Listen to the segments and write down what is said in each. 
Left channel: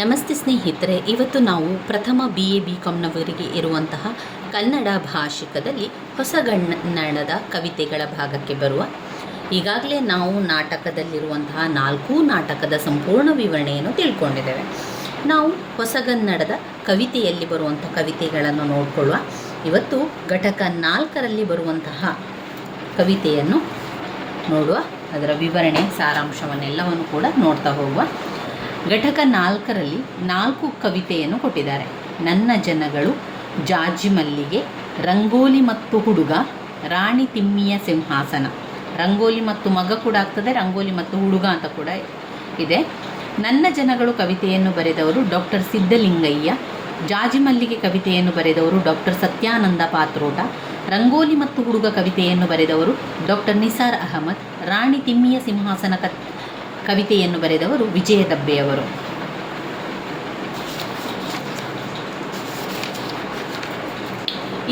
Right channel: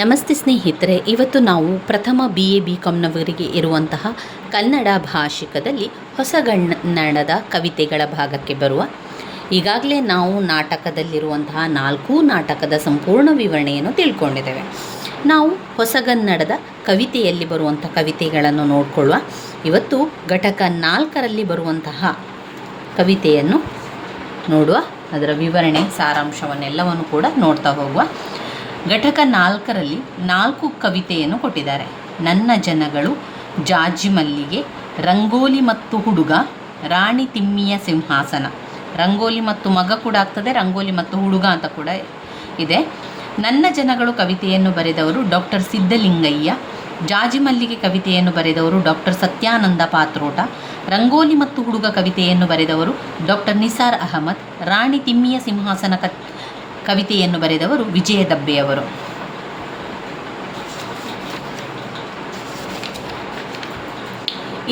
ನಮಸ್ತೆ ಸ್ನೇಹಿತರೆ, ಇವತ್ತು ನಾವು ಪ್ರಥಮ BA BComನವರಿಗೆ ಇರುವಂತಹ ಕನ್ನಡ ಭಾಷಿಕದಲ್ಲಿ ಹೊಸಗನ್ನಡದ ಕವಿತೆಗಳ ಭಾಗಕ್ಕೆ ಬರುವ. ಈಗಾಗಲೇ ನಾವು ನಾಟಕದಲ್ಲಿರುವಂತಹ 4 ನಾಟಕದ ಸಂಪೂರ್ಣ ವಿವರಣೆಯನ್ನು ತಿಳ್ಕೊಂಡಿದ್ದೇವೆ. ನಾವು ಹೊಸಗನ್ನಡದ ಕವಿತೆಯಲ್ಲಿ ಬರುವಂಥ ಕವಿತೆಗಳನ್ನು ನೋಡಿಕೊಳ್ಳುವ. ಇವತ್ತು ಘಟಕ 4ರಲ್ಲಿ ಬರುವಂತಹ ಕವಿತೆಯನ್ನು ನೋಡುವ, ಅದರ ವಿವರಣೆ ಸಾರಾಂಶವನ್ನೆಲ್ಲವನ್ನು ಕೂಡ ನೋಡ್ತಾ ಹೋಗುವ. ಘಟಕ 4ರಲ್ಲಿ 4 ಕವಿತೆಯನ್ನು ಕೊಟ್ಟಿದ್ದಾರೆ. ನನ್ನ ಜನಗಳು, ಜಾಜಿ ಮಲ್ಲಿಗೆ, ರಂಗೋಲಿ ಮತ್ತು ಹುಡುಗ, ರಾಣಿ ತಿಮ್ಮಿಯ ಸಿಂಹಾಸನ. ರಂಗೋಲಿ ಮತ್ತು ಮಗ ಕೂಡ ಆಗ್ತದೆ, ರಂಗೋಲಿ ಮತ್ತು ಹುಡುಗ ಅಂತ ಕೂಡ ಇದೆ. ನನ್ನ ಜನಗಳು ಕವಿತೆಯನ್ನು ಬರೆದವರು ಡಾಕ್ಟರ್ ಸಿದ್ಧಲಿಂಗಯ್ಯ. ಜಾಜಿ ಮಲ್ಲಿಗೆ ಕವಿತೆಯನ್ನು ಬರೆದವರು ಡಾಕ್ಟರ್ ಸತ್ಯಾನಂದ ಪಾತ್ರೋಟ. ರಂಗೋಲಿ ಮತ್ತು ಹುಡುಗ ಕವಿತೆಯನ್ನು ಬರೆದವರು ಡಾಕ್ಟರ್ ನಿಸಾರ್ ಅಹಮದ್. ರಾಣಿ ತಿಮ್ಮಿಯ ಸಿಂಹಾಸನ ಕವಿತೆಯನ್ನು ಬರೆದವರು ವಿಜಯ ದಬ್ಬೆಯವರು.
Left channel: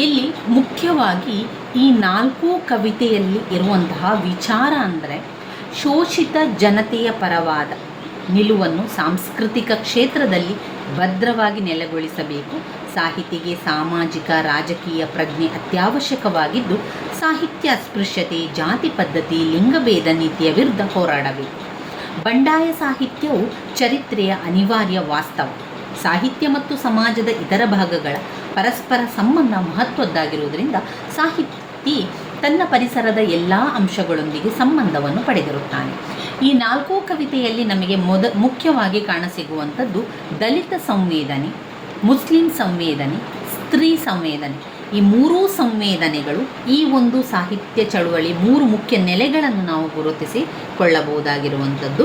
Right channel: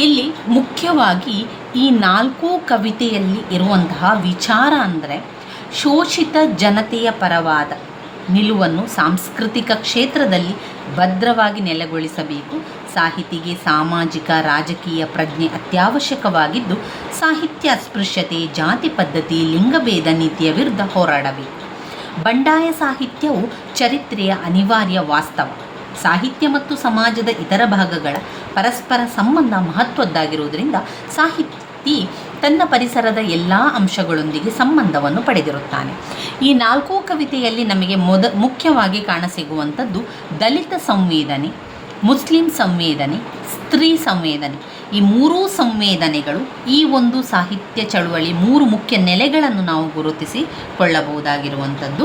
ಇಲ್ಲಿ ಮುಖ್ಯವಾಗಿ ಈ 4 ಕವಿತೆಯಲ್ಲಿ ಇರುವಂತಹ ವಿಚಾರ ಅಂದರೆ ಶೋಷಿತ ಜನತೆಯ ಪರವಾದ ನಿಲುವನ್ನು ಸಾಂಸ್ಕೃತಿಕ ಕ್ಷೇತ್ರದಲ್ಲಿ ಭದ್ರವಾಗಿ ನೆಲೆಗೊಳಿಸಬೇಕು. ಸಾಹಿತಿಗೆ ಸಾಮಾಜಿಕ ರಾಜಕೀಯ ಪ್ರಜ್ಞೆ ಅತ್ಯವಶ್ಯಕವಾಗಿದ್ದು, ಸಾಹಿತ್ಯ ಅಸ್ಪೃಶ್ಯತೆ, ಜಾತಿ ಪದ್ಧತಿ, ಲಿಂಗಭೇದ ನೀತಿಯ ವಿರುದ್ಧ ಹೋರಾಡಬೇಕು. ಬಂಡಾಯ ಸಾಹಿತ್ಯವು ಚರಿತ್ರೆಯ ಅನಿವಾರ್ಯ ವಾಸ್ತವ. ಸಾಹಿತ್ಯ ಮತ್ತು ಸಮಾಜದ ಇತರ ಭಾಗಗಳ ಪರಸ್ಪರ ಸಂಬಂಧ ಮಹತ್ವದ್ದಾಗಿರುವುದರಿಂದ ಸಾಹಿತಿ ತನ್ನ ಪರಿಸರದ ಎಲ್ಲ ಅಂಶಗಳೊಂದಿಗೆ ಸಂಬಂಧವನ್ನು ಪಡೆದಿರುತ್ತಾನೆ. ಈ 4 ಕವಿತೆಯಲ್ಲಿ ನಮಗೆ ಮುಖ್ಯವಾಗಿ ಕಾಣಸಿಗುವಂಥದ್ದು ದಲಿತ ಸಂವೇದನೆ, ಮುಸ್ಲಿಂ ಸಂವೇದನೆ, ಸ್ತ್ರೀ ಸಂವೇದನೆ. ಈ 3 ಸಂವೇದನೆಗಳು ಈ ಒಂದು ಸಾಹಿತ್ಯ ಚಳುವಳಿ 3 ಮುಖ್ಯ ನೆಲೆಗಳನ್ನು ನಾವು ಗುರುತಿಸಿಕೊಳ್ಳಬಹುದಾಗಿರುವಂಥದ್ದು.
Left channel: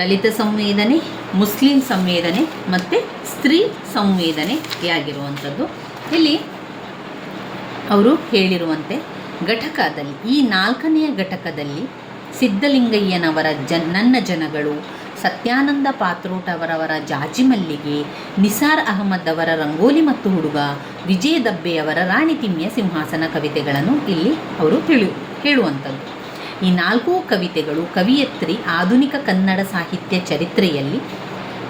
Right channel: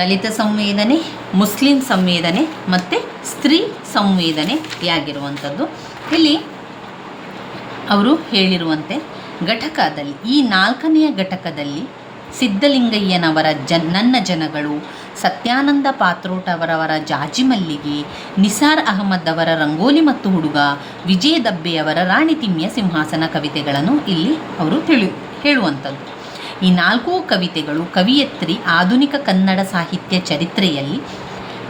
ದಲಿತ ಸಂವೇದನೆ, ಮುಸ್ಲಿಂ ಸಂವೇದನೆ ಮತ್ತು ಸ್ತ್ರೀ ಸಂವೇದನೆಯಾಗಿರುವಂಥದ್ದು. ಇಲ್ಲಿ ಅವರು ಹೇಳಿರುವಂತೆ ಘಟಕದಲ್ಲಿ, ಈ 4ನೆಯ ಘಟಕದಲ್ಲಿ ಸಿದ್ಧಲಿಂಗಯ್ಯನವರ ನನ್ನ ಜನಗಳು, ಸತ್ಯಾನಂದ ಪಾತ್ರೋಟ ಅವರವರ ಜಾಜಿ ಮಲ್ಲಿಗೆ, ನಿಸಾರ್ ಅಹಮದ್ ಅವರ ರಂಗೋಲಿ ಮತ್ತು ಹುಡುಗ, ವಿಜಯ ದಬ್ಬೆಯವರ ರಾಣಿ ತಿಮ್ಮಿಯ ಸಿಂಹಾಸನ ಕವಿತೆಗಳನ್ನು ಇಲ್ಲಿ ಅವರು ಹೇಳುವಂಥದ್ದು. ಈ 4 ಕವಿತೆಗಳು ಕವಿಯತ್ರಿ ಆಧುನಿಕ ಕನ್ನಡ ಸಾಹಿತ್ಯ ಚರಿತ್ರೆಯಲ್ಲಿ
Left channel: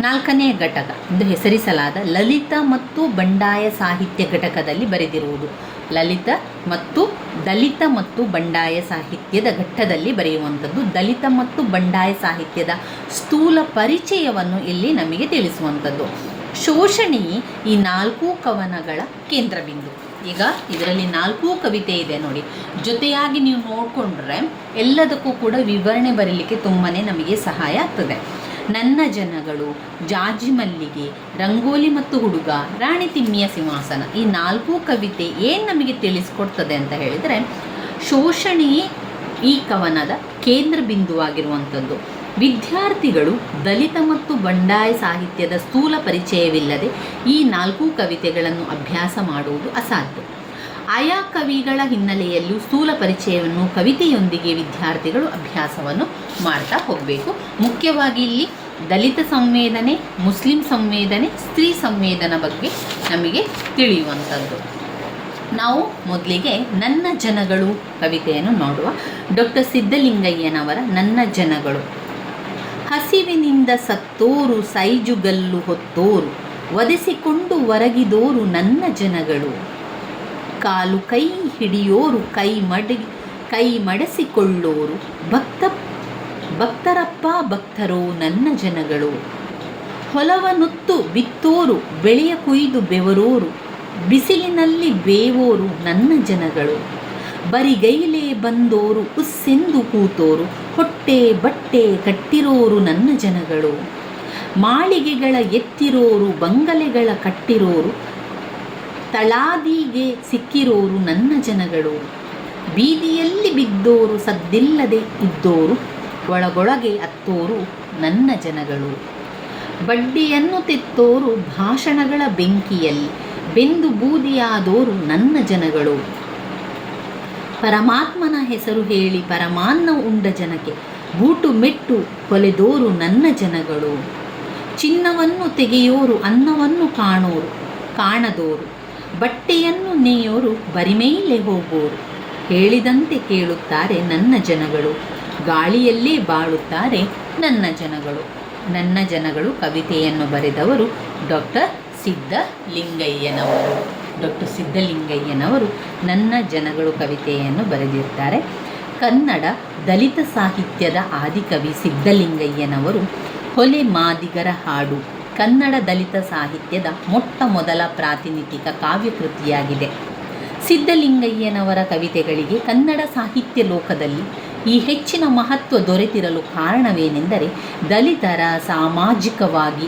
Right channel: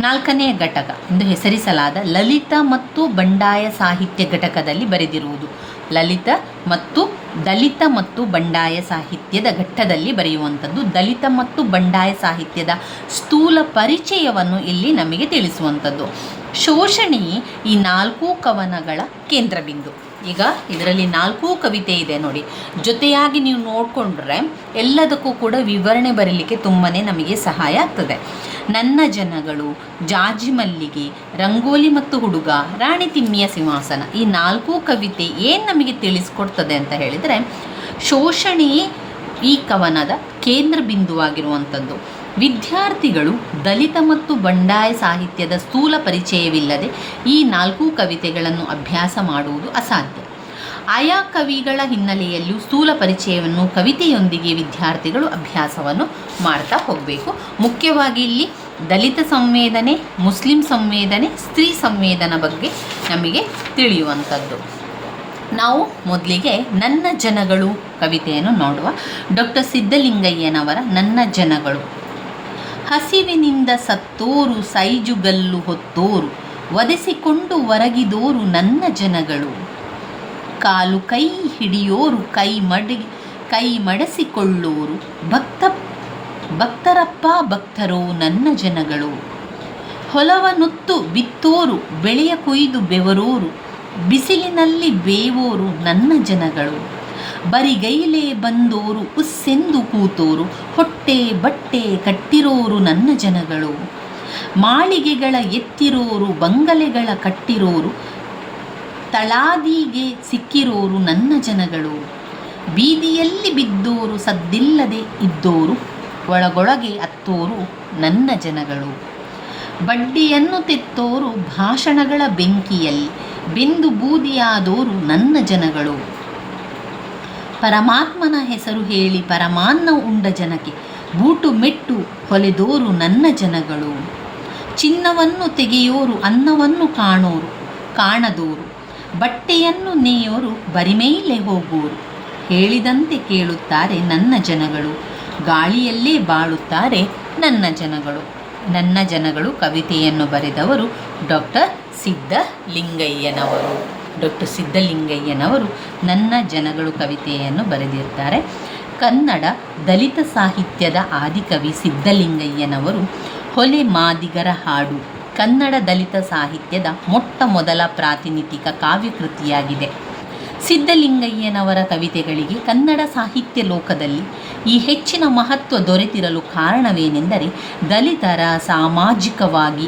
4ನೇ ಘಟಕ ಎಂದು ಹೆಸರಿಸಲಾದ ಲಲಿತ ಮತ್ತು ಬಂಡಾಯ ಸಾಹಿತ್ಯ ಘಟಕದಲ್ಲಿ ಬರೆದಿರುವುದು. ಲಲಿತ ಮತ್ತು ದಲಿತ ಮತ್ತು ಬಂಡಾಯ ಸಾಹಿತ್ಯದ ಘಟ್ಟದಲ್ಲಿ ಬರೆಯುವಂಥದ್ದು. ದಲಿತ ಮತ್ತು ಬಂಡಾಯ ಸಾಹಿತ್ಯದ ಸ್ಥೂಲ ಪರಿಚಯವನ್ನು ಇಲ್ಲಿ ನಮಗೆ ತಿಳಿಸುವಂಥದ್ದು. ಶೋಷಣೆಯೇ ಈ 4 ಕವನಗಳ ಕೇಂದ್ರ ಬಿಂದು. ಈಗ ಇದರಲ್ಲಿ 4 ಕವಿತೆ ಇದೆ ನೋಡಿ, ಜೊತೆಯಾಗಿ ನೀವು ನೋಡಿಕೊಂಡ್ರೆ ಎಲ್ಲದಕ್ಕೂ ಕೂಡ ವಿವರಣೆ ಬರಲಿಕ್ಕೆ ತುಂಬಾ ನಮಗೆ ಸಹಾಯ ಆಗ್ತದೆ. ನನ್ನ ಜನಗಳು, ಜಾಜಿ ಮಲ್ಲಿಗೆ, ರಂಗೋಲಿ ಮತ್ತು ಹುಡುಗ, ರಾಣಿ ತಿಮ್ಮಿಯ ಸಿಂಹಾಸನ. ಈ 4 ಕವಿತೆ ಏನು ನಮಗೆ ತಿಳಿಸ್ಕೊಡ್ತದೆ ಅಂತ ಹೇಳಿದರೆ, ಶೋಷಣೆಯೇ ಈ ಕವನದ ಕೇಂದ್ರ ಬಿಂದುವಾಗಿರುವಂಥದ್ದು. ವಿದ್ಯಾರ್ಥಿಗಳು ದಲಿತ ಮತ್ತು ಬಂಡಾಯ ಸಾಹಿತ್ಯದ ಸ್ಥೂಲ ಪರಿಚಯವಿಲ್ಲದೆ ಈ 4 ಕವಿತೆಗಳನ್ನು ಅಭ್ಯಾಸ ಮಾಡುವುದು ಅಸಾಧ್ಯ. ಆಯಾ ಕವಿಗಳ ಹಿನ್ನೆಲೆಯಲ್ಲೂ ಸ್ಥೂಲ ಪರಿಚಯವನ್ನು ಕವಿತೆಯೊಂದಿಗೆ ವಿದ್ಯಾರ್ಥಿಗಳು ಅಭ್ಯಾಸವನ್ನು ಮಾಡ್ತಾ ಹೋಗಬೇಕು. ಮುಖ್ಯವಾಗಿ ಇಲ್ಲಿ ದಲಿತ ಸಂವೇದನೆ, ಮುಸ್ಲಿಂ ಸಂವೇದನೆ, ಸ್ತ್ರೀ ಸಂವೇದನೆ ಬಗ್ಗೆ ನಮಗೆ ತಿಳಿಯುವಂಥದ್ದು. ನಾವು ಮೊದಲಿಗೆ ನನ್ನ ಜನಗಳು ಕವಿತೆಯನ್ನು ನೋಡುವ. ಡಾಕ್ಟರ್ ಸಿದ್ಧಲಿಂಗಯ್ಯನವರ ನನ್ನ ಜನಗಳು. ಹಸಿವಿನಿಂದ ಸತ್ತೋರು, ಸೈಜುಗಲ್ಲು ಹೊತ್ತೋರು, ಒದೆಸಿಕೊಂಡು ಹೊರಗಿದೋರು ನನ್ನ ಜನಗಳು. ಕಾಲು ಕೈ ಹಿಡಿಯೋರು, ಕೈ ಮಡಸಿಕೊಳ್ಳೋರು, ಭಕ್ತರಪ್ಪ ಭಕ್ತರೋ ನನ್ನ ಜನಗಳು. ಹೊಲವನುತ್ತು ಬಿತ್ತೋರು, ಬೆಳೆಯ ಕೊಯ್ದು ಬೆವರೋರು, ಬಿಸಿಲಿನಲ್ಲಿ ಬೇವೋರು ನನ್ನ ಜನಗಳು. ಬರಿಗೈಲೇ ಬಂದೋರು, ಉಸ್ಸೆಂದು ಕೂತೋರು, ಹೊಟ್ಟೆ ಬಟ್ಟೆ ಕಟ್ಟಿರೋರು ನನ್ನ ಜನಗಳು. ಮಾಳಿಗೆಗಳ ಎತ್ತಿರೋರು, ಬಂಗಲೆಗಳ ಕಟ್ಟಿರೋರು, ತಳಾದಿಗೆ ಸಿಕ್ಕಿರೋರು ನನ್ನ ಜನಗಳು. ಬೀದಿಯಲ್ಲಿ ಬಿದ್ದೋರು, ಸದ್ದಿಲ್ಲದೆ ಇದ್ದೋರು, ಒಳಗೊಳಗೆ ಅತ್ತೋರು ನನ್ನ ಜನಗಳು. ಬಡ್ಡಿಯನ್ನು ತೆತ್ತೋರು, ಭಾಷಣಗಳ ಬೆಂಕಿಯಲ್ಲಿ ಬೆಂದು ಬೂದಿಯಾದೋರು ನನ್ನ ಜನಗಳು. ಪರಮಾತ್ಮನ ಹೆಸರು ಹೇಳಿ ಪರಮಾನ್ನ ಉಂಡ ಜನಕ್ಕೆ ಬೂಟು ಮೆಟ್ಟು ಹೊಲೆದೋರು ನನ್ನ ಜನಗಳು. ಚಿನ್ನವನ್ನು ತೆಗೆಯೋರು, ಅನ್ನವನ್ನು ಕಾಣದೋರು, ಬಟ್ಟೆಯನ್ನು ನೇಯೋರು, ಬರಿಮೇಲೆ ಹೋಗೋರು. ಹೇಳಿದಂತೆ ಕೇಳುತ್ತಾರೆ ನನ್ನ ಜನಗಳು, ಗಾಳಿಯಲ್ಲೇ ಬಾಳುತ್ತಾರೆ ನನ್ನ ಜನಗಳು. ನನ್ನ ಜನಗಳು ಕವಿತೆಯನ್ನು ಬರೆದವರು ಡಾಕ್ಟರ್ ಸಿದ್ಧಲಿಂಗಯ್ಯನವರು. ಡಾಕ್ಟರ್ ಸಿದ್ಧಲಿಂಗಯ್ಯನವರು ನನ್ನ ಜನಗಳು ಕವಿತೆಯನ್ನು ಬರೆದಿರ್ತಾರೆ. ಕನ್ನಡ ದಲಿತ ಸಾಹಿತ್ಯದ ಆದಿಕವಿ ಸಿದ್ಧಲಿಂಗಯ್ಯನವರು ಹೊಲೆ ಮಾದಿಗರ ಹಾಡು ಕನ್ನಡ ದಲಿತ ಸಾಹಿತ್ಯದ ಮೊಟ್ಟ ಮೊದಲ ಪ್ರಾತಿನಿಧಿಕ ಕಾವ್ಯಕೃತಿಯಾಗಿದೆ. ಸಿದ್ಧಲಿಂಗಯ್ಯನವರ ಕವಿತೆಗಳಿಗೆ ಕನ್ನಡ ಸಾಹಿತ್ಯ ಲೋಕದಲ್ಲಿ ಈ ಹೆಚ್ಚಿನ ಮಹತ್ವ ದೊರೆತಿರಲು ಕಾರಣವೇನೆಂದರೆ, ದಲಿತರ ಸಾಮಾಜಿಕವಾಗಿ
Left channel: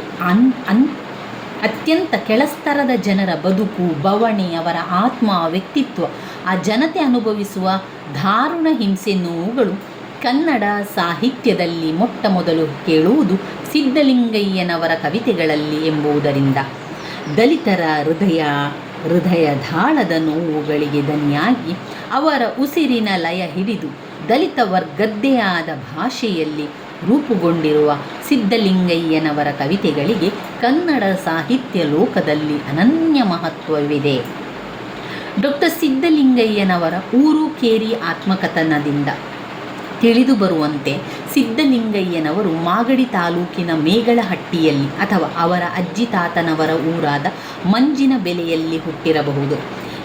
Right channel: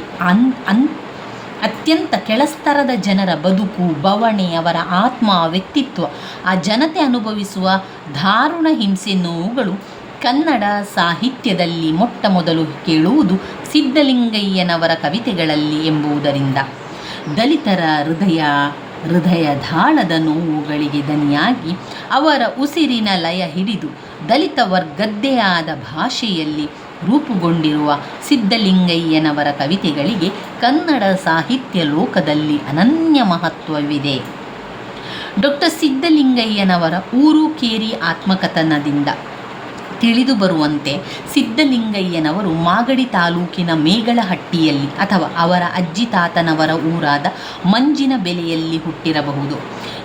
ಅತ್ಯಂತ ಕೆಳಸ್ತರದ ಜನರ ಬದುಕು, ಬವಣೆ, ಅವರ ಆತ್ಮ, ವ್ಯಕ್ತಿತ್ವ, ಆ ಜನತೆ ಅನುಭವಿಸುವ ದಾರುಣ ಹಿಂಸೆ, ನೋವುಗಳು ಕನ್ನಡ ಸಾಹಿತ್ಯದಲ್ಲಿ ಮೊಟ್ಟ ಮೊದಲು ಕೇಳುವುದು ಸಿದ್ಧಲಿಂಗಯ್ಯನವರ ಕವಿತೆಗಳಲ್ಲಿ ಎಂಬುದರಿಂದ ದಲಿತರ ಹೃದಯದಾಳದ ನೋವುಗಳಿಗೆ ದನಿಯಾಗಿ ಅವರ ಉಸಿರಿನ ಲಯ ಹಿಡಿದು ದಲಿತ ವರ್ಗದ್ದೇ ಆದ ಭಾಷೆಯಲ್ಲಿ ರೂಪುಗೊಂಡಿರುವ ಸಿದ್ಧಲಿಂಗಯ್ಯನವರ ಕವಿತೆಗಳಿಗೆ ಕನ್ನಡ ಸಾಹಿತ್ಯ ಲೋಕದಲ್ಲಿ ಅನನ್ಯ ಮಹತ್ವವಿದೆ. ಡಾಕ್ಟರ್ ಸಿದ್ಧಲಿಂಗಯ್ಯನವರ ಊರು ಕೇರಿ ಆತ್ಮಕಥನದಿಂದ ತಿಳಿದು ಬರುವಂತೆ ಸಿದ್ಧಲಿಂಗಯ್ಯನವರು ಮಾಗಡಿ ತಾಲೂಕಿನ ಮೇಗಳಹಟ್ಟಿಯಲ್ಲಿ ಅಥವಾ ಅವರ ಅಜ್ಜಿ ತಾತನವರ ಊರಾದ ಮಂಜಿನ ಬೆಲೆಯಲ್ಲಿ ಹುಟ್ಟಿರಬಹುದು.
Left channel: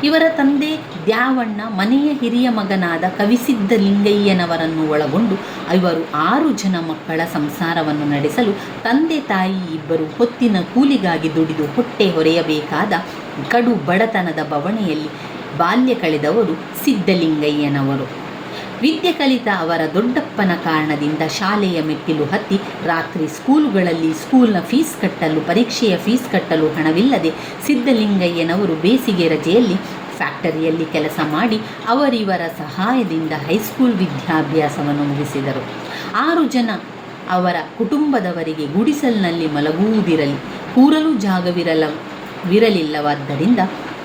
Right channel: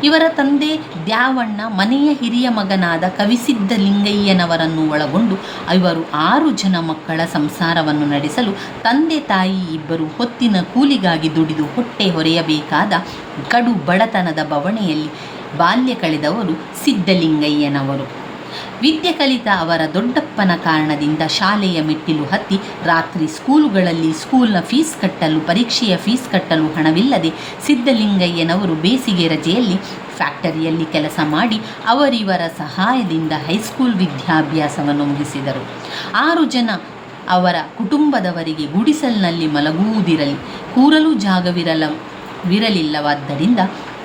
ಇವರ ತಂದೆ ದ್ಯಾವಣ್ಣ ಮನೆಯ ಹಿರಿಯ ಮಗನಾದ ಕವಿಸಿದ್ಧಲಿಂಗಯ್ಯನವರನ್ನು ಒಳಗೊಂಡು ಇವರು 6 ಜನ ಮಕ್ಕಳ ಸಂಸಾರವನ್ನು ನಡೆಸಲು ತಂದೆ ತಾಯಿ ಇಬ್ಬರು ಹೊತ್ತಿನ ಕೂಲಿಗಾಗಿ ದುಡಿದು ಹೊಟ್ಟೆ ಹೊರೆಯಬೇಕಾದ ಕಡು ಬಡತನದ ಬವಣೆಯಲ್ಲಿ ಬಾಲ್ಯ ಕಳೆದವರು ಸಿದ್ಧಲಿಂಗಯ್ಯನವರು. ವಿದ್ಯೆ ಕಲಿತ ಅವರ ದೊಡ್ಡಪ್ಪನ ಕಾರಣದಿಂದ ಶಾಲೆಯ ಮೆಟ್ಟಿಲು ಹತ್ತಿ ರಾತ್ರಿ ಸ್ಕೂಲುಗಳಲ್ಲಿ ಸ್ಕೂಲ್ನ ಫೀಸ್ ಕಟ್ಟಲು, ಪರೀಕ್ಷೆಯ ಫೀಸ್ ಕಟ್ಟಲು ಹಣವಿಲ್ಲದೆ ಸಿದ್ಧಲಿಂಗಯ್ಯನವರು ಬೇಸಿಗೆ ರಜೆಯಲ್ಲಿ ಫ್ಯಾಕ್ಟರಿಯಲ್ಲಿ ಕೆಲಸ ಮಾಡಿ ಅವರಿವರ ಸಹಾಯದಿಂದ ಹೈಸ್ಕೂಲ್ ವಿದ್ಯಾಭ್ಯಾಸವನ್ನು ಮುಗಿಸಿದರು. 6 ಜನ ಅವರ ಕುಟುಂಬದವರಿಗೆ ಗುಡಿಸಲಿನಲ್ಲಿ ಮಲಗುವುದಿರಲಿ, ಕೂರಲು ಜಾಗವಿರಲಿಲ್ಲವಾದ್ದರಿಂದ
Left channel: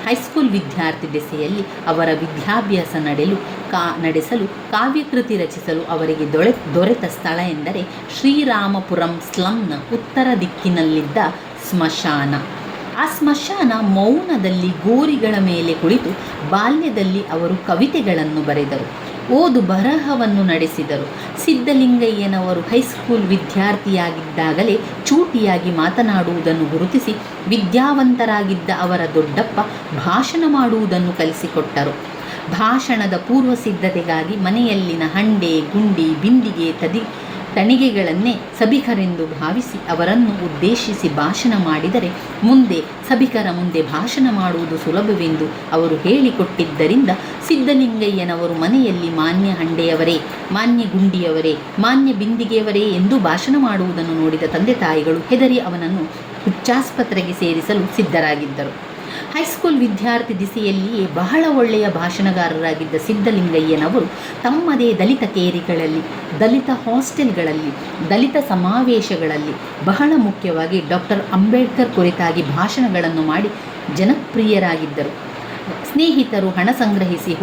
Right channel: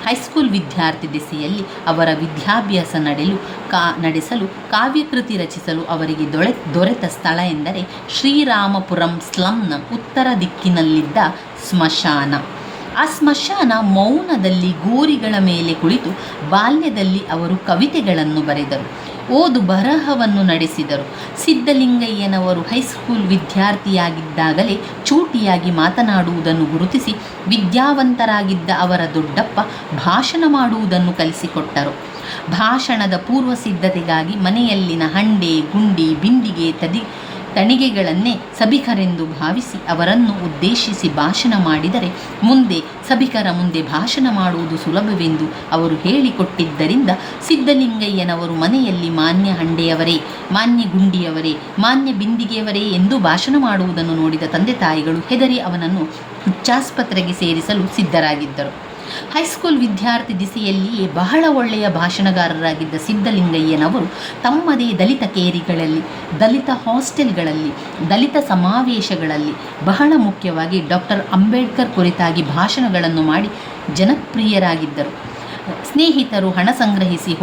ಹೈಸ್ಕೂಲ್ ವಿದ್ಯಾರ್ಥಿ ದೆಸೆಯಲ್ಲಿ ಅವರ ವಿದ್ಯಾಭ್ಯಾಸ ನಡೆಸಲು ಕಾವ್ಯಕೃತಿ ರಚಿಸಲು ಅವರಿಗೆ ದೊರೆತ ಸ್ಥಳ ಎಂದರೆ ಶ್ರೀರಾಮಪುರಂ ಸ್ಲಂನ ಉತ್ತರ ದಿಕ್ಕಿನಲ್ಲಿದ್ದ ಸ್ಮಶಾನ. ಆ ಸ್ಮಶಾನ ಮೌನದಲ್ಲಿ ಗೋರಿಗಳ ಮೇಲೆ ಕುಳಿತು ಬಾಲ್ಯದಲ್ಲಿ ಅವರು ಕವಿತೆಗಳನ್ನು ಬರೆದರು, ಓದು ಬರಹವನ್ನು ನಡೆಸಿದರು. ಸಿದ್ಧಲಿಂಗಯ್ಯನವರು ಹೈಸ್ಕೂಲ್ ವಿದ್ಯಾರ್ಥಿಯಾಗಿದ್ದಾಗಲೇ ಚೂಟಿಯಾಗಿ ಮಾತನಾಡುವುದನ್ನು ಗುರುತಿಸಿ ವಿದ್ಯಾವಂತರಾಗಿದ್ದ ಅವರ ದೊಡ್ಡಪ್ಪ ಭಾಷಣ ಮಾಡುವುದನ್ನು ಕಲಿಸಿಕೊಟ್ಟರು. ಭಾಷಣದ ಪೂರ್ವ ಸಿದ್ಧತೆಗಾಗಿ ಮನೆಯಲ್ಲಿನ ಹಂಡೆ, ಗುಂಡಿ, ಬಿಂದಿಗೆ, ತಣಿಗೆಗಳನ್ನೇ ಸಭಿಕರೆಂದು ಭಾವಿಸಿ ಅವರನ್ನು ಉದ್ದೇಶಿಸಿ ಭಾಷಣ ಮಾಡಿದರೆ ಮುಂದೆ ಸಭಿಕರ ಮುಂದೆ ಭಾಷಣ ಮಾಡುವುದು ಸುಲಭವೆಂದು ಅವರು ಹೇಳಿಕೊಟ್ಟಿದ್ದರಿಂದ ಸಿದ್ಧಲಿಂಗಯ್ಯನವರು ಮನೆಯಲ್ಲಿ ಮಾನ್ಯ ಹಂಡೆಯವರೇ, ಮಾನ್ಯ ಗುಂಡಿಯವರೇ, ಮಾನ್ಯ ಬಿಂದಿಗೆಯವರೇ ಎಂದು ಭಾಷಣ ಮಾಡುವುದನ್ನು ನೋಡಿದ ತಂದೆ ತಾಯಿಗಳು ಹೆದರಿ ಅವನನ್ನು ಹುಚ್ಚಾಸ್ಪತ್ರೆಗೆ ಸೇರಿಸಲು ಸಿದ್ಧರಾಗಿದ್ದರು. ಹೈಸ್ಕೂಲ್ ವಿದ್ಯಾರ್ಥಿ ದಿಸೆಯಲ್ಲಿಯೇ ಬಹಳ ಒಳ್ಳೆಯ ಭಾಷಣಗಾರರಾಗಿದ್ದ ಸಿದ್ಧಲಿಂಗಯ್ಯನವರು ತಮ್ಮದೇ ದಲಿತ ಕೇರಿಗಳಲ್ಲಿ, ದಲಿತ ಹಾಸ್ಟೆಲ್ಗಳಲ್ಲಿ, ದಲಿತ ಸಮಾವೇಶಗಳಲ್ಲಿ, ಬಹಳ ಮುಖ್ಯವಾಗಿ ಡಾಕ್ಟರ್ ಅಂಬೇಡ್ಕರ್ ಕುರಿತಾಗಿ ಭಾಷಣಗಳನ್ನು ಮಾಡಿ ಜನಪ್ರಿಯರಾಗಿದ್ದರು. ಸ್ನೇಹಿತರು ಹಣ ಸಂಗ್ರಹಿಸಿ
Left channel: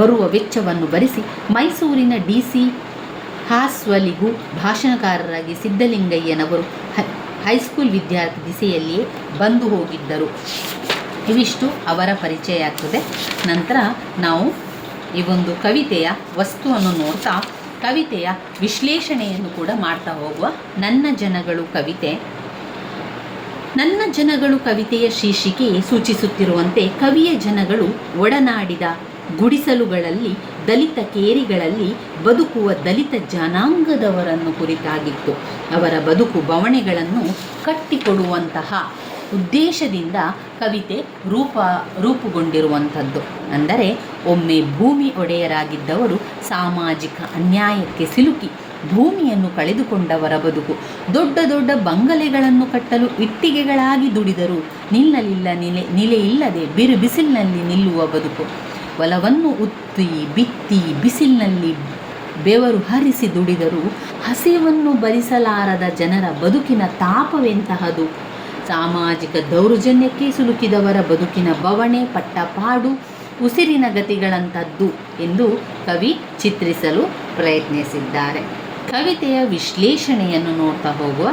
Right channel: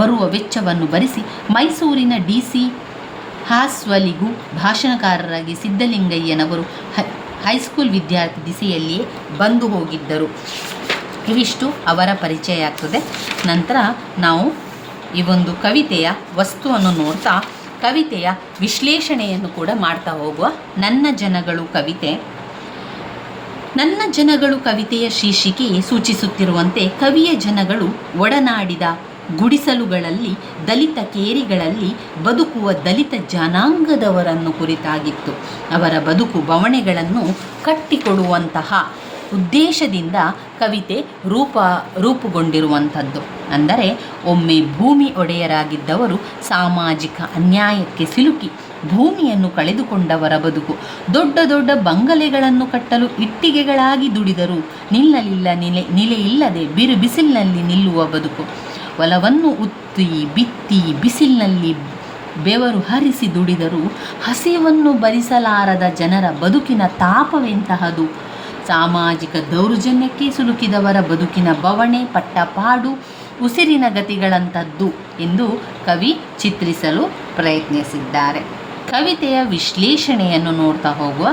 ಬರುವ ವೆಚ್ಚವನ್ನು ಭರಿಸಿ ಮೈಸೂರಿನ DC ಹಾಸ್ವಲಿಗೂ ಭಾಷಣಕಾರರಾಗಿ ಸಿದ್ಧಲಿಂಗಯ್ಯನವರು ಹೈಸ್ಕೂಲ್ ವಿದ್ಯಾರ್ಥಿ ದಿಸೆಯಲ್ಲಿಯೇ ಬಂದು ಹೋಗಿದ್ದರು. ಇವಿಷ್ಟು ಅವರ ಪರಿಚಯ ಆಗ್ತದೆ. ನಂತರ ನಾವು ಈ ಒಂದು ಕವಿತೆಯ ವಸ್ತುವನ್ನು ನೋಡ್ತಾ ಕವಿತೆಯ ವಿಶ್ಲೇಷಣೆಯನ್ನು ಕೂಡ ಮಾಡ್ತಾ ಹೋಗುವ. ನನ್ನ ಜನಗಳು ಕವಿತೆಯ ಶೀರ್ಷಿಕೆಯೇ ಸೂಚಿಸುತ್ತಿರುವಂತೆ ಕವಿಯ ಜನಗಳು ಒಡನಾಡಿದ ಗುಡಿಸಲುಗಳಲ್ಲಿ, ದಲಿತ ಕೇರಿಗಳಲ್ಲಿ ಬದುಕುವ ದಲಿತ ಜನಾಂಗದವರನ್ನು ಕುರಿತಾಗಿತ್ತು. ಅವರ ಬದುಕು ಬವಣೆಗಳನ್ನು ಕಟ್ಟಿಕೊಡುವಂತಹ ಉದ್ದೇಶದಿಂದ ಕವಿತೆ ರೂಪುಗೊಂಡಿರುವಂಥದ್ದು. ಅಂದರೆ ಒಮ್ಮೆ ಭೂಮಿ ಒಡೆಯರಾಗಿದ್ದವರು ಸಾಮಾಜಿಕ ಅನ್ಯಾಯಕ್ಕೆ ಸಿಲುಕಿ ಭೂಮಿಯನ್ನು ಕಳೆದುಕೊಂಡವರ ಬದುಕು, ದೊಡ್ಡ ದೊಡ್ಡ ಬಂಗಲೆಗಳನ್ನು ಕಟ್ಟಲು ಇಟ್ಟಿಗೆಗಳಾಗಿ ದುಡಿದರೂ ನೆಲೆಯಿಲ್ಲದೆ ಬಿಸಿಲಿನಲ್ಲಿ ನಿಲ್ಲುವ ಬದುಕು, ಹೊಲವನ್ನು ಉತ್ತಿ ಬಿತ್ತಿ ಬಿಸಿಲಿನಲ್ಲಿ ಬೆವರು ಹರಿಸಿ ದುಡಿದರೂ ಹಸಿವನ್ನು ಭರಿಸಲಾರದ ಜನರ ಬದುಕಿನ ತಾಪವೆಂತಹದು, ಸಾಮಾಜಿಕ ದೌರ್ಜನ್ಯಕ್ಕೆ ಸಿಲುಕಿದವರ ಬದುಕಿನ ಬವಣೆ ಪಟ್ಟಪಾಡು ಉಸಿರಿನ ಗತಿಗಳಂಥದ್ದು ಎಂದು ಕವಿ ಚಿತ್ರಿಸಲು ಪ್ರಯತ್ನಿಸಿದ್ದಾರೆ. ಕವಿತೆಯ ವಿಶ್ಲೇಷಣೆಯನ್ನು ನೋಡ್ತಾ ಹೋಗುವ.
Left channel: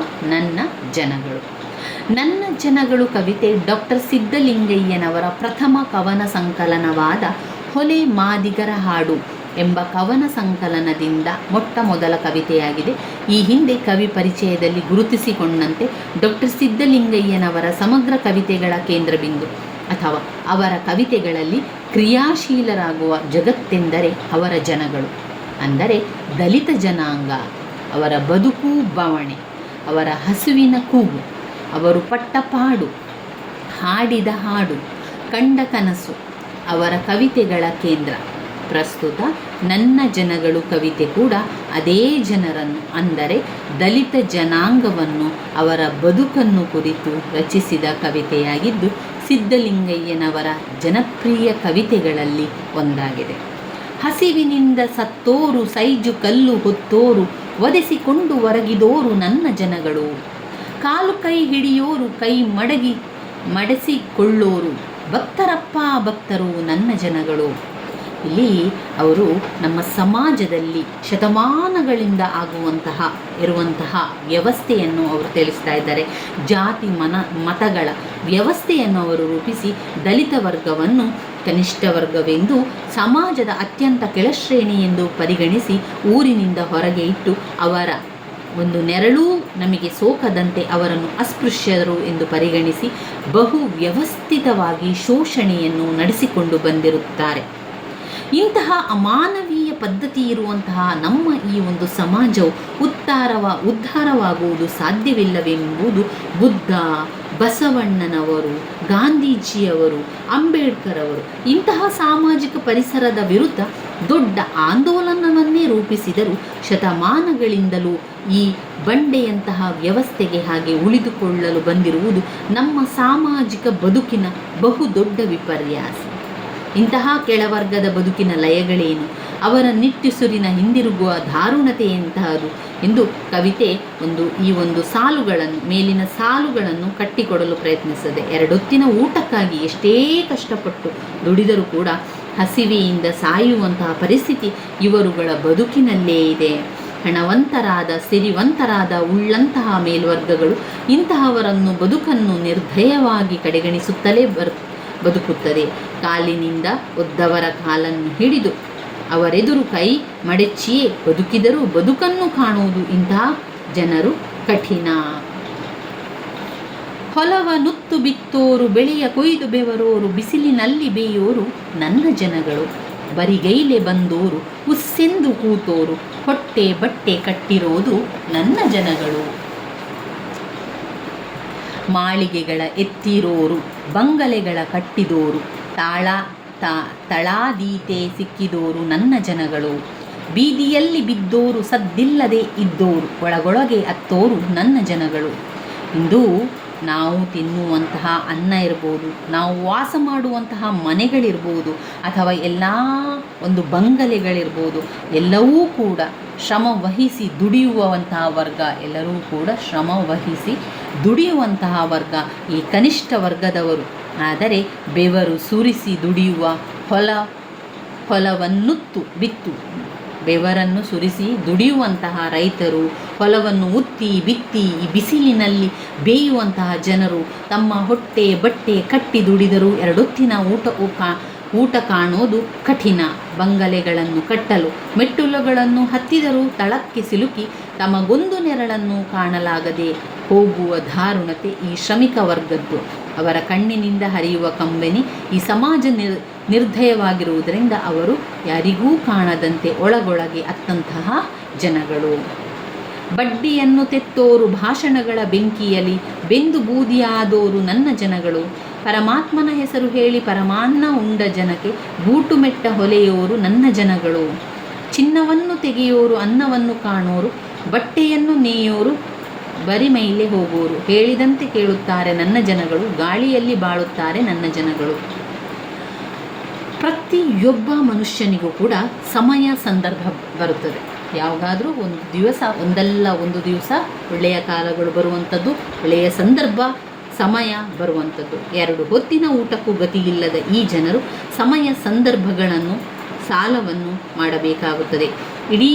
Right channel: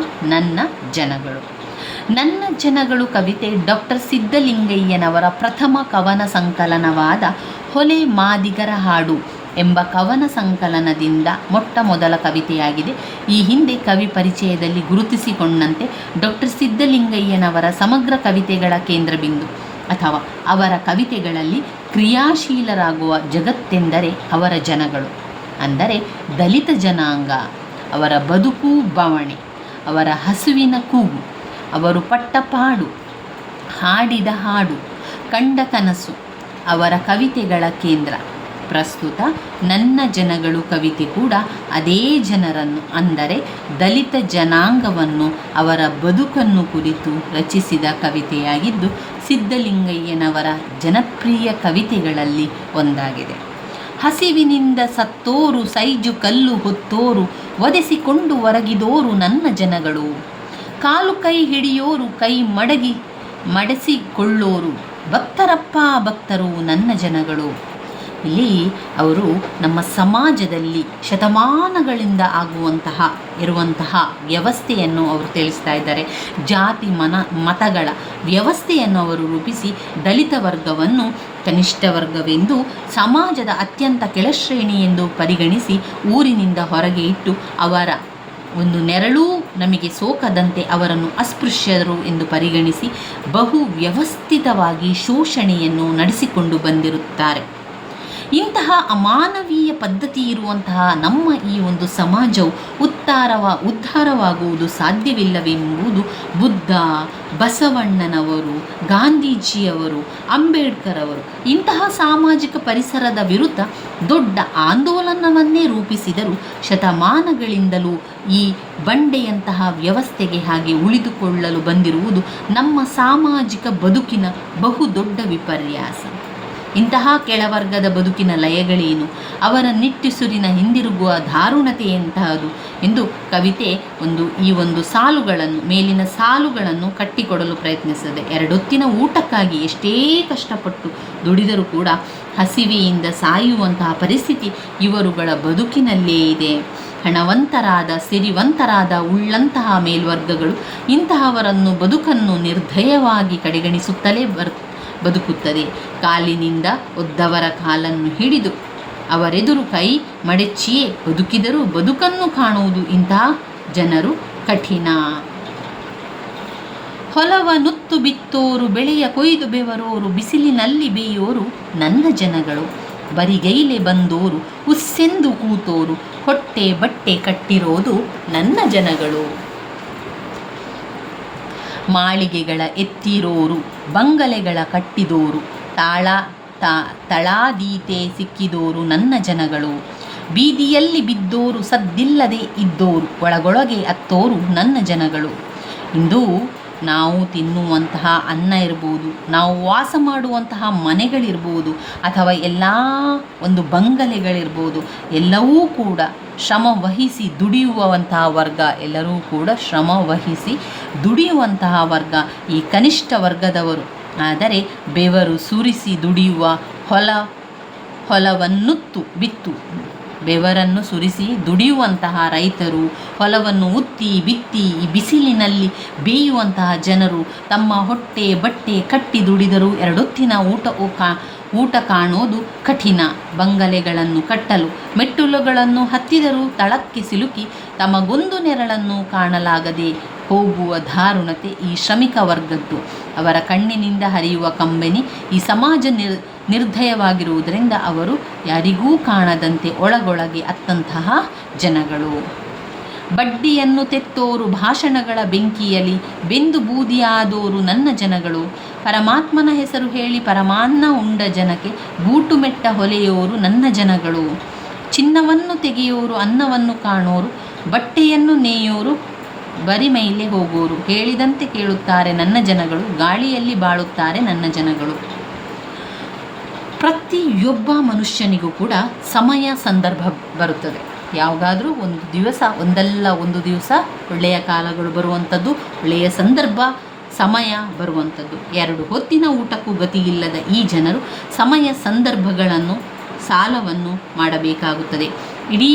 ನನ್ನ ಜನಗಳು ಕವಿತೆ ಡಾಕ್ಟರ್ ಸಿದ್ಧಲಿಂಗಯ್ಯನವರ ಪ್ರಥಮ ಕವನ ಸಂಕಲನವಾದ ಹೊಲೆ ಮಾದಿಗರ ಹಾಡು ಎಂಬ ಕವನ ಸಂಕಲನದಿಂದ ಮೊಟ್ಟ ಮೊದಲ ಕವಿತೆಯಾಗಿದೆ. ಈ ಹಿಂದೆ ಕವಿ ಪರಿಚಯದಲ್ಲಿ ಗುರುತಿಸಿಕೊಂಡಂತೆ ಡಾಕ್ಟರ್ ಸಿದ್ಧಲಿಂಗಯ್ಯನವರ ಸಮಗ್ರ ಕವಿತೆಗಳ ಕೇಂದ್ರಬಿಂದು ಅಥವಾ ಅವರ ಕವಿತೆಗಳಲ್ಲಿ ಕ್ರಿಯಾಶೀಲರಾಗುವ ಜಗತ್ತೆಂದರೆ ಅವರ ಜನಗಳು, ಅಂದರೆ ದಲಿತ ಜನಾಂಗ, ಅವರ ಬದುಕು ಬವಣೆ, ಅವರ ಹಸುವಿನ ಕೂಗು, ಅವರು ಪಟ್ಟ ಪಾಡು, ಹಾಡಿದ ಹಾಡು, ಕಂಡ ಕನಸು ಅವರ ಕವಿತೆಗಳ ಕೇಂದ್ರ. ಪ್ರಸ್ತುತ ನನ್ನ ಜನಗಳು ಕವಿತೆ ಕೂಡ ಅದೇ ಜನರನ್ನು, ಅಂದರೆ ದಲಿತ ಜನಾಂಗವನ್ನು, ಅವರ ಬದುಕನ್ನು ಕುರಿತು ರಚಿಸಿದ ಕವಿತೆಯಾಗಿದ್ದು ಸಿದ್ಧಲಿಂಗಯ್ಯನವರ ಜನಪ್ರಿಯ ಕವಿತೆಗಳಲ್ಲಿ ಒಂದಾಗಿದೆ. ಹಸಿವಿನಿಂದ ಸತ್ತೋರು, ಸೈಜು ಕಲ್ಲು ಹೊತ್ತೋರು, ಒದೆಸಿಕೊಂಡು ಹೊರಗಿದೋರು ನನ್ನ ಜನಗಳು, ಕಾಲು ಕೈ ಹಿಡಿಯೋರು, ಕೈ ಮಡಸಿಕೊಳ್ಳೋರು, ಭಕ್ತರಪ್ಪ ಭಕ್ತರು ನನ್ನ ಜನಗಳು. ಇಲ್ಲಿ ಅವರು ನಮ್ಮ ಸಮಾಜದಲ್ಲಿ ಶತಮಾನಗಳಿಂದ ಇರುವಂತಹ ವ್ಯವಸ್ಥೆಯನ್ನು ಅವರು ತಿಳಿಸ್ತಾ ಇದ್ದಾರೆ. ಜಾತಿ ಮತಗಳ ವ್ಯವಸ್ಥೆಯನ್ನು ಅವರು ರೂಪಿಸಿ ದಲಿತ ವರ್ಗವನ್ನು ಕನಿಷ್ಠ ವರ್ಗವೆಂದು, ಸಮಾಜದ ಅತ್ಯಂತ ಕೆಳಶ್ರೇಣಿ ಎಂದು ಪರಿಗಣಿಸಿ ಊರಿನಿಂದ ಹೊರಗೆ ಇಟ್ಟು ಅವರ ಒಂದು ನೆರಳೂ ನಮಗೆ ಸೋಕದಂತೆ ಅವರನ್ನು ಅಸ್ಪೃಶ್ಯರು ಎಂದು ಪರಿಗಣಿಸಿ ಬಹು ವ್ಯವಸ್ಥಿತವಾಗಿ ಶೋಷಣೆಯನ್ನು ನಡೆಸಿಕೊಂಡು ಬಂದಿರುತ್ತಾರೆ. ಇಂತಹ ಅಮಾನವೀಯ ಪದ್ಧತಿ ಇರುವಂತಹ ನಮ್ಮ ಈ ಒಂದು ಸಮಾಜವು ಉದ್ಧಾರವಾಗುವುದು ಸಾಧ್ಯವಿಲ್ಲವೆಂಬುದು ಬುದ್ಧ, ಬಸವಣ್ಣನವರು, ಗಾಂಧೀಜಿಯವರು, ಅಂಬೇಡ್ಕರ್ ಅವರು ಇಂತಹ ಸಾಮಾಜಿಕ ಪರಿಸರದ ವಿರುದ್ಧ ದೊಡ್ಡ ಆಂದೋಲನವನ್ನೇ ರೂಪಿಸಿದರು. ಶತಮಾನಗಳಿಂದಲೂ ಈ ಬಂಡೆಯಂತಹ ವ್ಯವಸ್ಥೆಗೆ ಹಾಗೆ ಉಳಿದುಕೊಳ್ಳಲು ಬಂದಿರುವುದು ನಮ್ಮ ಸಾಮಾಜಿಕ ಬದುಕಿನ ಬಹುದೊಡ್ಡ ವಿಪರ್ಯಾಸ. ಇಂತಹ ಕೆಳವರ್ಗದ ಬದುಕಿನ ಲಯಗಳೇನು, ಅವರ ನಿಟ್ಟುಸುರಿನ ಹಿಂದಿರುಗುವ ದಾರುಣತೆಯಂತಹದು ಎಂದು ಕವಿತೆ ಈ ಒಂದು ಮೇಲಿನ ಸಾಲುಗಳನ್ನು ಕಟ್ಟಿಕೊಡಲು ಪ್ರಯತ್ನಿಸಿದೆ. ಎರಡೊತ್ತಿನ ಊಟಕ್ಕಾಗಿ ಎಷ್ಟೇ ಕಷ್ಟಪಟ್ಟು ದುಡಿದರೂ ಕೂಡ ಹಸಿವೆಯಿಂದ ಸಾಯುವಂತಹ ಪರಿಸ್ಥಿತಿ ಇವರುಗಳ ಬದುಕಿನಲ್ಲೇ ಇದೆ. ಹಣವಂತರಾದ, ಸಿರಿವಂತರಾದ, ಉಳ್ಳಂತಹ ಮೇಲ್ವರ್ಗಗಳು ಇಂತಹವರನ್ನು ಬದುಕನ್ನು ನಿರ್ದಯವಾಗಿ ಕಡೆಗಣಿಸುತ್ತಲೇ ಬದುಕುತ್ತದೆ. ಕಾಲಿನಿಂದ ಒದ್ದವರ ಕಾಲನ್ನು ಹಿಡಿದು ಅವರೆದುರು ಕೈ ಮಡಚಿಯೇ ಬದುಕಿದರೂ ಬದುಕನ್ನು ಕಾಣುವುದು ಇಂತಹ ಜನರು ಕಠಿಣ. ಹೊಲವ ನುತ್ತು ಬಿತ್ತೋರು, ಬೆಳೆಯ ಕೊಯ್ದು ಬೆವರೋರು, ಬಿಸಿಲಿನಲ್ಲಿ ಬೇಯೋರು ನನ್ನ ಜನಗಳು, ಬರಿಗೈಲೆ ಬಂದೋರು, ಉಸ್ಸೆಂದು ಕೂತೋರು, ಹೊಟ್ಟೆ ಬಟ್ಟೆ ಕಟ್ಟಿರೋದು ನನ್ನ ಜನಗಳು. ಮಾಳಿಗೆಗಳ ಎತ್ತಿರೋರು, ಬಂಗಲೆಗಳ ಕಟ್ಟಿದೋರು, ತಳಾದೀತೆ ಸಿಕ್ಕಿದೋರು ನನ್ನ ಜನಗಳು, ಬೀದಿಯಲ್ಲಿ ಬಿದ್ದೋರು, ಸದ್ದಿಲ್ಲದೆ ಇದ್ದೋರು, ಒಳಗೊಳಗೆ ಅತ್ತೋರು ನನ್ನ ಜನಗಳು. ಇಂದು ನಾವು ತಿನ್ನುವಂತಹ ಅನ್ನ ಇರ್ಬೋದು, ನಾವು ವಾಸ ಮಾಡುವಂತಹ ಮನೆಗಳಿರ್ಬೋದು, ಅಥವಾ ಎಲ್ಲ ಒಂದು ಬಂಗಲೆಗಳಿರ್ಬೋದು, ಎಲ್ಲವೂ ಕೂಡ ಶ್ರಮ ವಹಿಸಿ ದುಡಿಯುವಂತಹ ವರ್ಗ, ಎಲ್ಲರೂ ಕೂಡ ಶ್ರಮ ವಹಿಸಿ ದುಡಿಯುವಂತಹ ವರ್ಗ ಈ ಕನಿಷ್ಠ ವರ್ಗದವರು. ಆದರೆ ಬೆವರು ಸುರಿಸಿ ದುಡಿಯುವ ಹೊಲವನ್ನುತ್ತು ಬಿತ್ತು, ಬೆವರನ್ನು ಸುರಿಸಿ ದುಡಿಯುವಂತಹ ರೈತರು, ಹೊಲವನ್ನು ಉತ್ತಿ ಬಿತ್ತಿ ಈ ಬಿಸಿಲಿನಲ್ಲಿ ಬೇಯುವಂತಹ ಜನರು ತಮ್ಮ ಹೊಟ್ಟೆ ಬಟ್ಟೆ ಕಟ್ಟಿ ದುಡಿದರೂ ಎರಡೊತ್ತಿನ ಊಟ ಕಾಣೋದು ಕಠಿಣ. ಬಂಗಲೆಗಳನ್ನು ಕಟ್ಟಲು ಮೆಟ್ಟಲುಗಳನ್ನು ಹತ್ತಿದರೂ ತಳಕ್ಕೆ ಸಿಲುಕಿ ತಮಗೊಂದು ನೆರಳನ್ನು ಕಾಣಲಾಗದೆ ಹೋಗುವ ದಾರುಣತೆ ಈ ಶ್ರಮಿಕ ವರ್ಗದ್ದು. ಅವರ ಕಣ್ಣಿನಿಂದ ಹರಿಯುವ ಕಂಬನಿ ಈ ಸಮಾಜ ನಿರ್ದಯವಾಗಿರುವುದರಿಂದ ಅವರು ಯಾರಿಗೂ ಕಾಣದಂತೆ ಒಳಗೊಳಗೆ ಅತ್ತಂತಹ ಜನಗಳು. ಬಡ್ಡಿಯನ್ನು ತೆತ್ತೋರು, ಭಾಷಣಗಳ ಬೆಂಕಿಯಲ್ಲಿ ಬೆಂದು ಬೂದಿಯಾದೋರು ನನ್ನ ಜನಗಳು, ಪರಮಾತ್ಮನ ಹೆಸರು ಹೇಳಿ ಪರಮಾನ್ನ ಉಂಡ ಜನಕ್ಕೆ ಬೂಟು ಮೆಟ್ಟ ಹೊಲೆಯೋರು ನನ್ನ ಜನಗಳು, ಚಿನ್ನವನ್ನು ತೆಗೆಯೋರು, ಅನ್ನವನ್ನು ಕಾಣೋರು, ಬಟ್ಟೆಯನ್ನು ನೇಯೋರು, ಬರಿಮೈಲೆ ಹೋಗೋರು, ಹೇಳಿದಂತೆ ಕೇಳುತ್ತಾರೆ ನನ್ನ ಜನಗಳು, ಗಾಳಿಯಲ್ಲಿ ಬಾಳುತ್ತಾರೆ ನನ್ನ ಜನಗಳು. ಪ್ರತಿಯೊಬ್ಬ ಮನುಷ್ಯನಿಗೂ ಕೂಡ ಸಮಯ ಸಂದರ್ಭ ಬರುತ್ತದೆ. ಯಾವುದಾದ್ರೂ ಒಂದು ದಿವಸ ಒಳ್ಳೆಯ ಕಾಲಗಳು ಬರುವಂಥದ್ದು, ಒಳ್ಳೆಯ ಸಂದರ್ಭ ಸಮಯ ಬರುವಂಥದ್ದು. ಎರಡು ಹೊತ್ತಿನ ಊಟಕ್ಕೂ ಗತಿಯಿಲ್ಲದ ಈ ಜನರು ಸಮಯ ಸಂದರ್ಭಗಳನ್ನು ಸಾಲವನ್ನು ಮಾಡಬೇಕಾಗುತ್ತದೆ. ಇಡೀ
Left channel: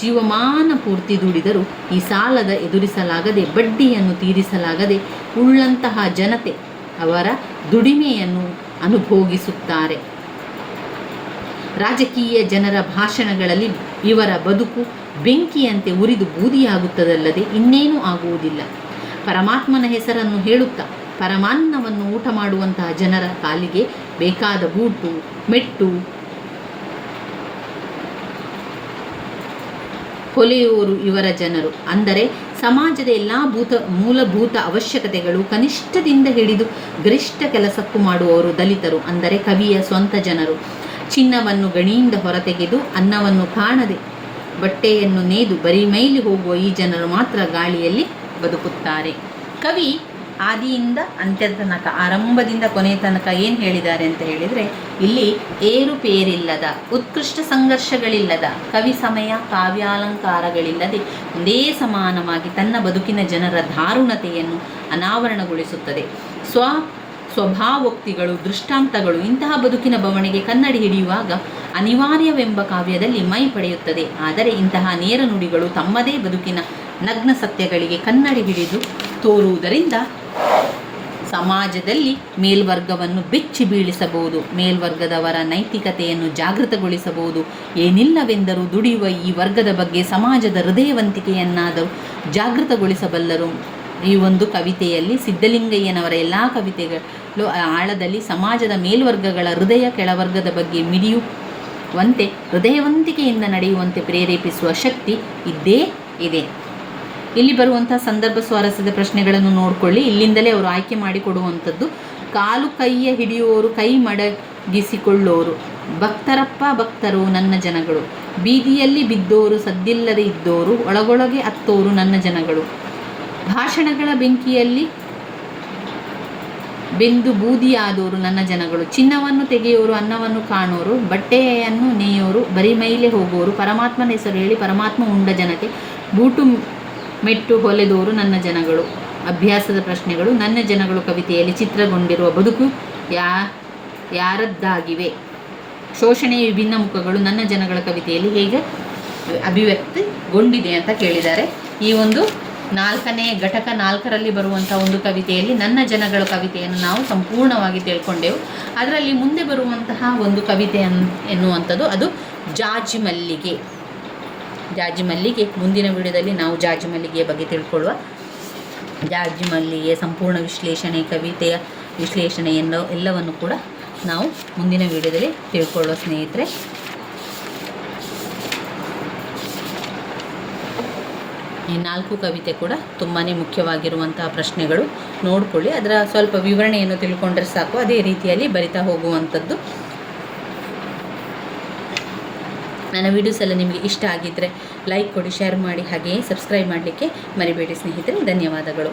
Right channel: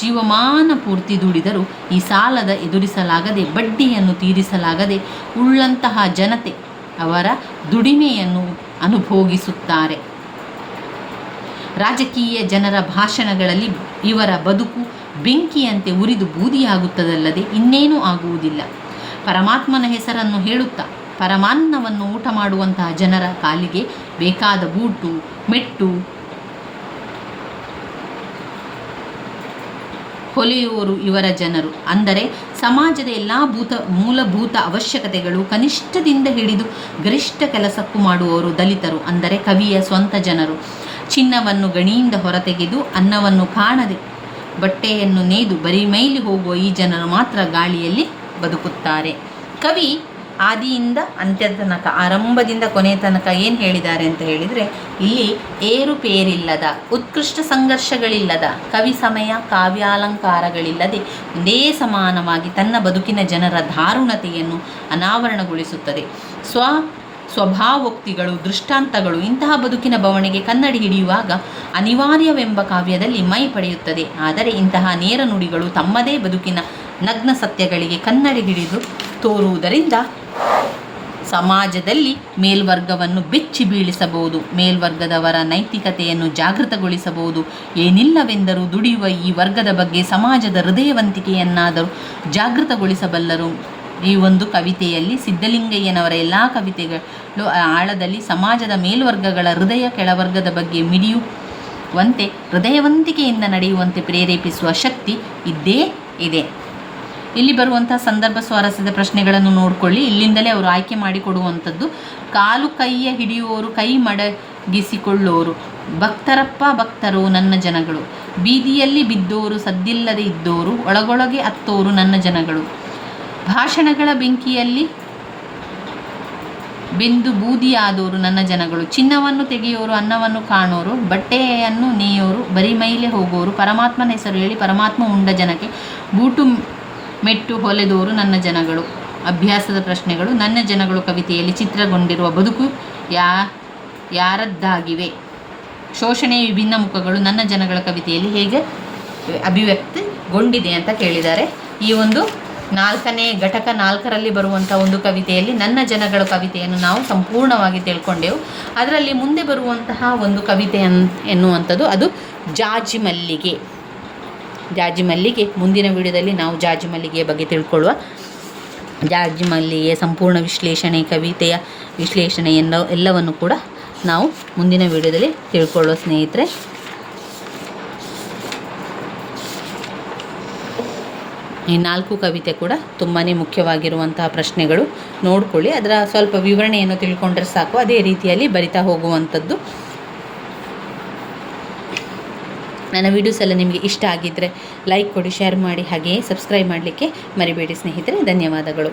ಜೀವಮಾನ ಪೂರ್ತಿ ದುಡಿದರೂ ಈ ಸಾಲದ ಎದುರಿಸಲಾಗದೆ, ಬಡ್ಡಿಯನ್ನು ತೀರಿಸಲಾಗದೆ ಉಳ್ಳಂತಹ ಜನತೆ ಅವರ ದುಡಿಮೆಯನ್ನು ಅನುಭೋಗಿಸುತ್ತಾರೆ. ರಾಜಕೀಯ ಜನರ ಭಾಷಣಗಳಲ್ಲಿ ಇವರ ಬದುಕು ಬೆಂಕಿಯಂತೆ ಉರಿದು ಬೂದಿಯಾಗುತ್ತದಲ್ಲದೆ ಇನ್ನೇನೂ ಆಗುವುದಿಲ್ಲ. ಪರಮಾತ್ಮನ ಹೆಸರನ್ನು ಹೇಳುತ್ತಾ ಪರಮಾನ್ನವನ್ನು ಊಟ ಮಾಡುವಂತಹ ಜನರ ಕಾಲಿಗೆ ಬೇಕಾದ ಬೂಟು ಮೆಟ್ಟು ಹೊಲೆಯುವವರು ಇವರ ಜನರು. ಅಂದರೆ ಸಮಾಜದ ಎಲ್ಲ ಮೂಲಭೂತ ಅವಶ್ಯಕತೆಗಳು ಕನಿಷ್ಠದಿಂದ ಹಿಡಿದು ಗರಿಷ್ಠ ಕೆಲಸಕ್ಕೂ ಮಾಡುವವರು ದಲಿತರು, ಅಂದರೆ ಕವಿಯ ಸ್ವಂತ ಜನರು. ಚಿನ್ನವನ್ನು ಗಣಿಯಿಂದ ಹೊರತೆಗೆದು ಅನ್ನವನ್ನು ಕಾಣದೆ ಬಟ್ಟೆಯನ್ನು ನೇಯ್ದು ಬರಿಮೈಲಿ ಹೋಗುವ ಈ ಜನರು ಮಾತ್ರ ಗಾಳಿಯಲ್ಲಿ ಬದುಕುತ್ತಾರೆ. ಕವಿ ಆದಿಯಿಂದ ಅಂತ್ಯದ ತನಕ, ಆರಂಭದಿಂದ ಕೊನೆಯ ತನಕ ಏನು ಹೇಳಿದ್ದಾರೆ ಅಂತ ಹೇಳಿದರೆ, ಇಲ್ಲಿ ಏರುಪೇರಿಲ್ಲದ, ಉತ್ಕೃಷ್ಟ ಸಂಘರ್ಷಗಳಿಲ್ಲದ, ಕವಿ ಸಮಯ ಕಾವ್ಯಾಲಂಕಾರಗಳಿಲ್ಲದೆ ಒಂದೇ ಸಮಾನವಾಗಿ ತನ್ನ ಬದುಕಿನ ಜನರ ದಾರುಣತೆಯನ್ನು ಅನಾವರಣಗೊಳಿಸುತ್ತದೆ. ಸ್ವಭಾವೋಕ್ತಿಗಳು, ದೃಷ್ಟಾಂತಗಳು ಇಂತಹ ಬದುಕಿನ ಬವಣೆಗೆ ಕನ್ನಡಿ ಹಿಡಿಯುವಾಗ ಅನಿವಾರ್ಯವೆಂಬ ಕಾವ್ಯದಲ್ಲಿ ಮೈ ಪಡೆಯುತ್ತದೆ. ಆದರೆ ಇಂತಹ ನೇರ ನುಡಿಗಳು ತಮ್ಮದೇ ಬದುಕಿನ ನಗ್ನ ಸತ್ಯಗಳಿಗೆ ಕನ್ನಡಿ ಹಿಡಿದು ತೋರುವುದರಿಂದ ಸಮಾಜದಲ್ಲಿ ಮೇಲ್ವರ್ಗವನ್ನು ಬೆಚ್ಚಿ ಬೀಳಿಸಬಹುದು, ಮೇಲ್ವರ್ಗದವರ ನೈತಿಕತೆಯನ್ನು ಜಾಗೃತಗೊಳಿಸಬಹುದು. ಏನಿಲ್ಲವೆಂದರೂ ದುಡಿಯುವ ಈ ವರ್ಗದ ಬಗ್ಗೆ ಸಮಾಜದ ಹೃದಯವಂತಿಕೆಯನ್ನಾದರೂ ಜಾಗೃತಗೊಳಿಸಬಲ್ಲರು. ಈ ಒಂದು ಕವಿತೆಯಲ್ಲಿ ಸಿದ್ಧಲಿಂಗಯ್ಯನವರ ಎಲ್ಲ ಕವಿತೆಗಳು ಆಳದಲ್ಲಿ ಸಮಾಜದ ಮೇಲ್ವರ್ಗಗಳ ಹೃದಯ ಕೆಳವರ್ಗದ ಬಗ್ಗೆ ಮಿಡಿಯುವಂತೆ, ಹೃದಯವಂತಿಕೆಯಿಂದ ನಡೆಯುವಂತೆ ಪ್ರೇರೇಪಿಸುವ ಶಕ್ತಿ ಇದ್ದೇ ಇದೆ. ಇಲ್ಲಿ ಬರುವಂಥ ಸಂದರ್ಭ ಸ್ವಾರಸ್ಯದ ಪ್ರಶ್ನೆಗಳನ್ನು ನೋಡಿಕೊಳ್ಳಿ. ಇಲ್ಲಿಂದಲೇ ಅವರು ಆಯ್ಕೆ ಮಾಡಿಕೊಡುವಂಥದ್ದು. ಕಾಲು ಕೈಯ ಹಿಡಿಯುವವರು ಕೈ ಮಡಗಿಸಿಕೊಳ್ಳೋರು, ಭಕ್ತರಪ್ಪ ಭಕ್ತರು ನನ್ನ ಜನಗಳು, ಬೀದಿಯಲ್ಲಿ ಬಿದ್ದೋರು ಸದ್ದಿಲ್ಲದೆ ಇದ್ದೋರು, ಒಳಗೊಳಗೆ ಅತ್ತೋರು ನನ್ನ ಜನಗಳು, ಭಾಷಣಗಳ ಬೆಂಕಿಯಲ್ಲಿ ಬೆಂದು ಬೂದಿಯಾದೋರು ನನ್ನ ಜನಗಳು, ಚಿನ್ನವನ್ನು ತೆಗೆಯೋರು ಅನ್ನವನ್ನು ಕಾಣೋರು, ಬಟ್ಟೆಯನ್ನು ನೇಯೋರು, ಬರಿಮೈಲೆ ಹೋಗೋರು, ಪರಮಾತ್ಮನ ಹೆಸರು ಹೇಳಿ ಪರಮಾತ್ಮ ಉಂಡ ಜನಕ್ಕೆ ಬೂಟು ಮೆಟ್ಟು ಹೊಲೆದೋರು ನನ್ನ ಜನಗಳು. ಅಭ್ಯಾಸದ ಪ್ರಶ್ನೆಗಳು. ನನ್ನ ಜನಗಳು ಕವಿತೆಯಲ್ಲಿ ಚಿತ್ರಗೊಂಡಿರುವ ಬದುಕು ಯಾರದ್ದಾಗಿವೆ? ಶೋಷಣೆಯ ವಿಭಿನ್ನ ಮುಖಗಳು ನನ್ನ ಜನಗಳ ಕವಿತೆಯಲ್ಲಿ ಹೇಗೆ ಅಭಿವ್ಯಕ್ತಿಗೊಂಡಿದೆ ಅಂತ ಕೇಳಿದ್ದಾರೆ. ಈ ಒಂದು 4ನೇ ಘಟಕ 4ರಲ್ಲಿ ಬರುವಂಥ ಒಂದು ಕವಿತೆಯಲ್ಲಿ ನನ್ನ ಜನಗಳ ಕವಿತೆಯನ್ನು ನಾವು ಸಂಪೂರ್ಣವಾಗಿ ತಿಳ್ಕೊಂಡೆವು. ಅದರಲ್ಲಿ ಮುಂದೆ ಬರುವಂತಹ ಒಂದು ಕವಿತೆ ಎನ್ನುವಂಥದ್ದು ಅದು ಜಾಜಿ ಮಲ್ಲಿಗೆ. ಜಾಜಿ ಮಲ್ಲಿಗೆ ಮುಂದಿನ ವಿಡಿಯೋದಲ್ಲಿ ನಾವು ಜಾಜಿ ಮಲ್ಲಿಗೆಯ ಬಗ್ಗೆ ತಿಳ್ಕೊಳ್ಳುವ. ಜಾಜಿ ಮಲ್ಲಿಗೆ ಸಂಪೂರ್ಣ ವಿಶ್ಲೇಷಣೆ, ಕವಿತೆಯ ವಿಶ್ಲೇಷಣೆ ಎಲ್ಲವನ್ನು ಕೂಡ ನಾವು ಮುಂದಿನ ವಿಡಿಯೋದಲ್ಲಿ ತಿಳ್ಕೊಳ್ಳೋ ಸ್ನೇಹಿತರೆ. ಈ 4 ಕವಿತೆ ಕೂಡ ತುಂಬಾ ಮುಖ್ಯವಾಗಿರುವಂತಹ ಪ್ರಶ್ನೆಗಳು. ನೋಡ್ಕೊಳ್ಳಿ, ಅದರ ಸ್ವಲ್ಪ ವಿವರಣೆಯನ್ನು ತಿಳ್ಕೊಂಡ್ರೆ ಸಾಕು. ಅದೇ ರೀತಿಯಲ್ಲಿ ಬರಿತಾ ಹೋಗುವಂಥದ್ದು. ನನ್ನ ವಿಡಿಯೋಸ್ ಎಲ್ಲ ನಿಮಗೆ ಇಷ್ಟ ಆಗಿದ್ದರೆ ಲೈಕ್ ಕೊಡಿ, ಶೇರ್ ಮಾಡಿ, ಹಾಗೆಯೇ ಸಬ್ಸ್ಕ್ರೈಬ್ ಮಾಡಲಿಕ್ಕೆ ಮರಿಬೇಡಿ ಸ್ನೇಹಿತರೆ. ಧನ್ಯವಾದಗಳು.